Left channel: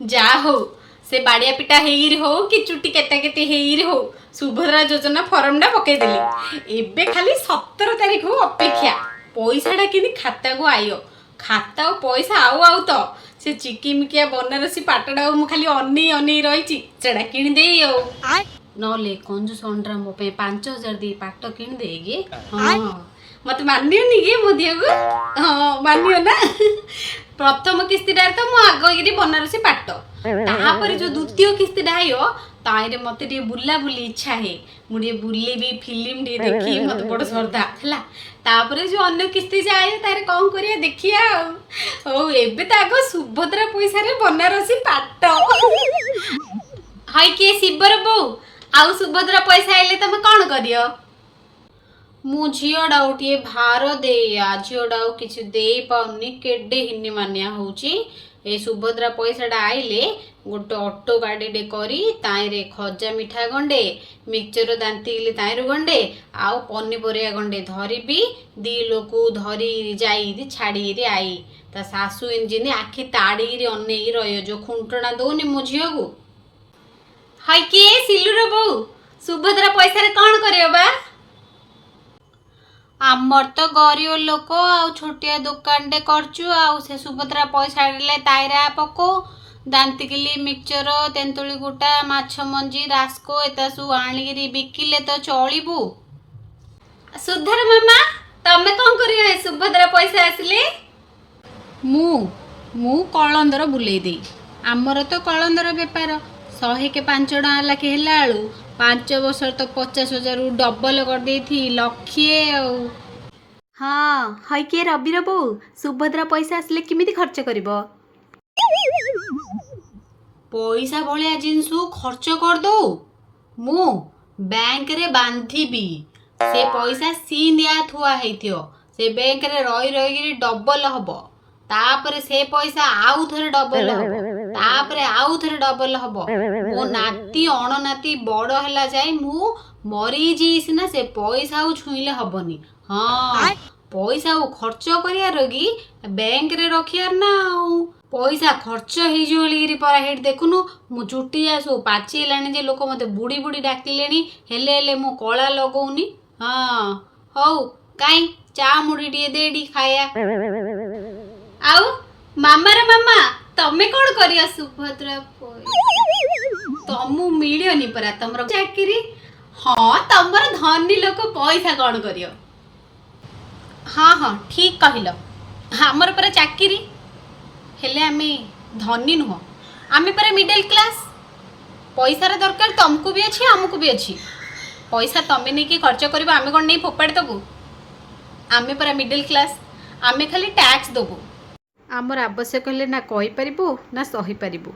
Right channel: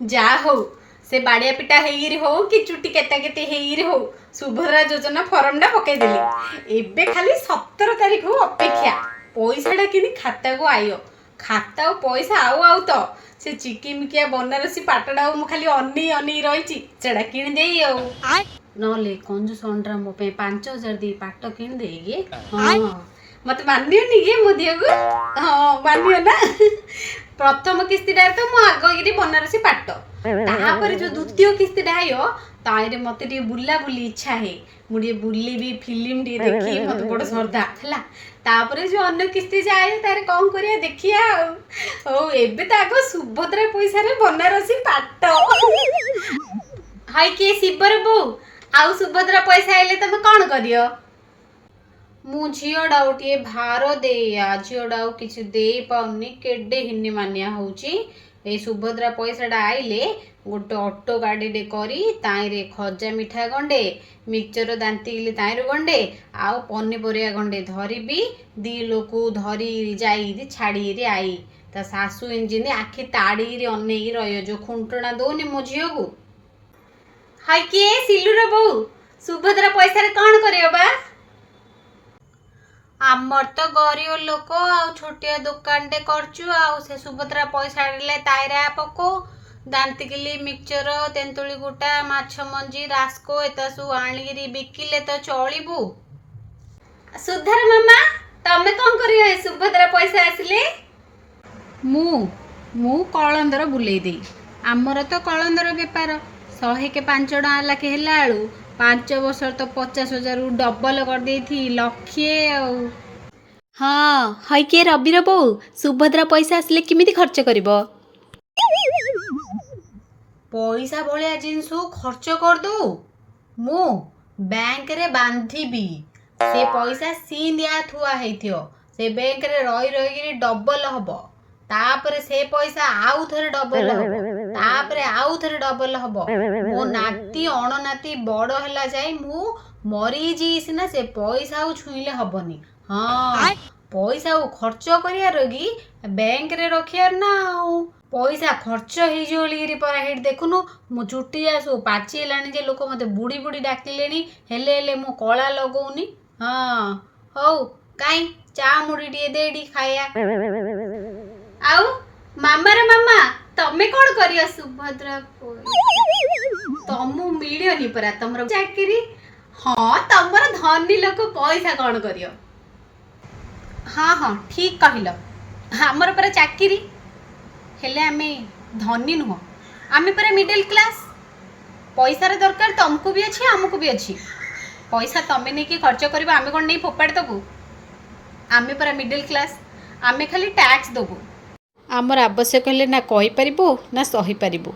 जा हो से बाड़िया पिटा हेइरी हो कि चुटी केता केते हेइरी हो सुभद्रा योजना फॉर्म डा पके देली एबे खाली 17 तारीख हो अपेक्षा पैसाटा कि खाता को आयो खाता और पैसा आउ आउ तो से चिकिमिकिया बनारसी पाटडा मु खाली अनी अनी रही सेटा किण देई आउ नले कंजूस अंडरा मो पे 5000 दी पाट किण देगी हां मत मानियोनी गे मो दियो को हां मानियो ना प्रथम किस्तीटा तो मु आगगिरी बनारसी पाट तापर जो द्वितीय किस्तीटा आयो ताइरे मते टे बुला बुली इच्छा है मुझे बुलेबी फिल्म टे देखी मत बड़ श्रद्धा हला तापर जो अन्य किस्ती जाए तारे कौन करिया देखिया ओ एबे त आगो सुभद्रा पैसा रे बनारसी पाट हाय के शिवर बो आउ सुभद्रा पैसा आइले तमे कोन करियो मु झियोडा उठिए भार दे आ झियोडा किछि दे पाउनी केडे हिन्नी मानिया होउची ए सुभद्रा पैसाटा आइले गोटे ऑटो गाड़ी डे करी ताइरे खजा मिठा गंडे मिक्सचर दांती ताइर गंडे आउ पनीपरिया गंडे धरिबी दी लोकु धरी जाई छाड़ी रे आई ता सासू इंजिन आखि ताड़ी रे अनेई रहियो जो खुंटणा दोनी मो झियो को हाय के सिलुर बो सुभद्रा पैसा रे कोन करियो बा आमर तो गरीब लोक आउ छोटिया दुकान टे करचु आउ से सुभद्रा पैसा आइले ताइरा पको दांतिकिली मिक्सचर तेंतुली गुटा माछ मंजी रास्को एता सु आनिगिरी बिकिले तो चलिबू सुधर मामा तमे कोन करियो सुभद्रा पैसा आसले मु मु कलंदर बुलेई दे आमर तो कलंदर बेपार 100 के 5 टका लाखे हेला आलू 5 वर्ष तो 50,000 डबल कर दे थी लक्षे हाँ हाय के रविर बो सुभद्रा पैसा आसले किमिति खर्च करिवो पैसा भलिया जिनस खर्च कर दो मु बैंक रे बांधीबी से पैसा सींदिया थुआ हेथियो से बैंक रे रही रही डबल हबो तापर से पैसा आउ थरे डबल हबो तापर आउ थरे डबल हबो मो नाती अण नाती बड़ हैला जाय मु मरी जीस ना से पैसा आउ छुईले हबनी हाँ पैसा आउ खर्च करिया रगी बैंक रे रखियार ना आउ पैसा खर्च हे जोलीरी पर हेड देखुनु मु चुटी आसु पाची लानी जे लोक मते बुड़ी बुड़ी डाकिलेनी हेले हेले मु कळा लगौनी हाँ हौ काई चा मुड़ी टिए देडी खाया आउ मामा रे मामा तमे कोन करिया सुभद्रा तमु मिलियनी परा तमरो चाकरी हाँ तमर धनी लोक पैसा कोन करियो हाँ हाँ ठीक कहिलो हमर पर चाकरी हेले आमे धनी नुह आमे पर मिडिल क्लास पैसा रे दरकार तुमको भी अच्छी हमको भी अच्छी पैसा तमे नहीं कि खर्च करबा आमे कोन नहीं फोपाड़ दबु आमे पर मिडिल क्लास आमे खाली टैक्स दबु आमर आवश्यक हेले ना कहि परिबो ना सही परिबो।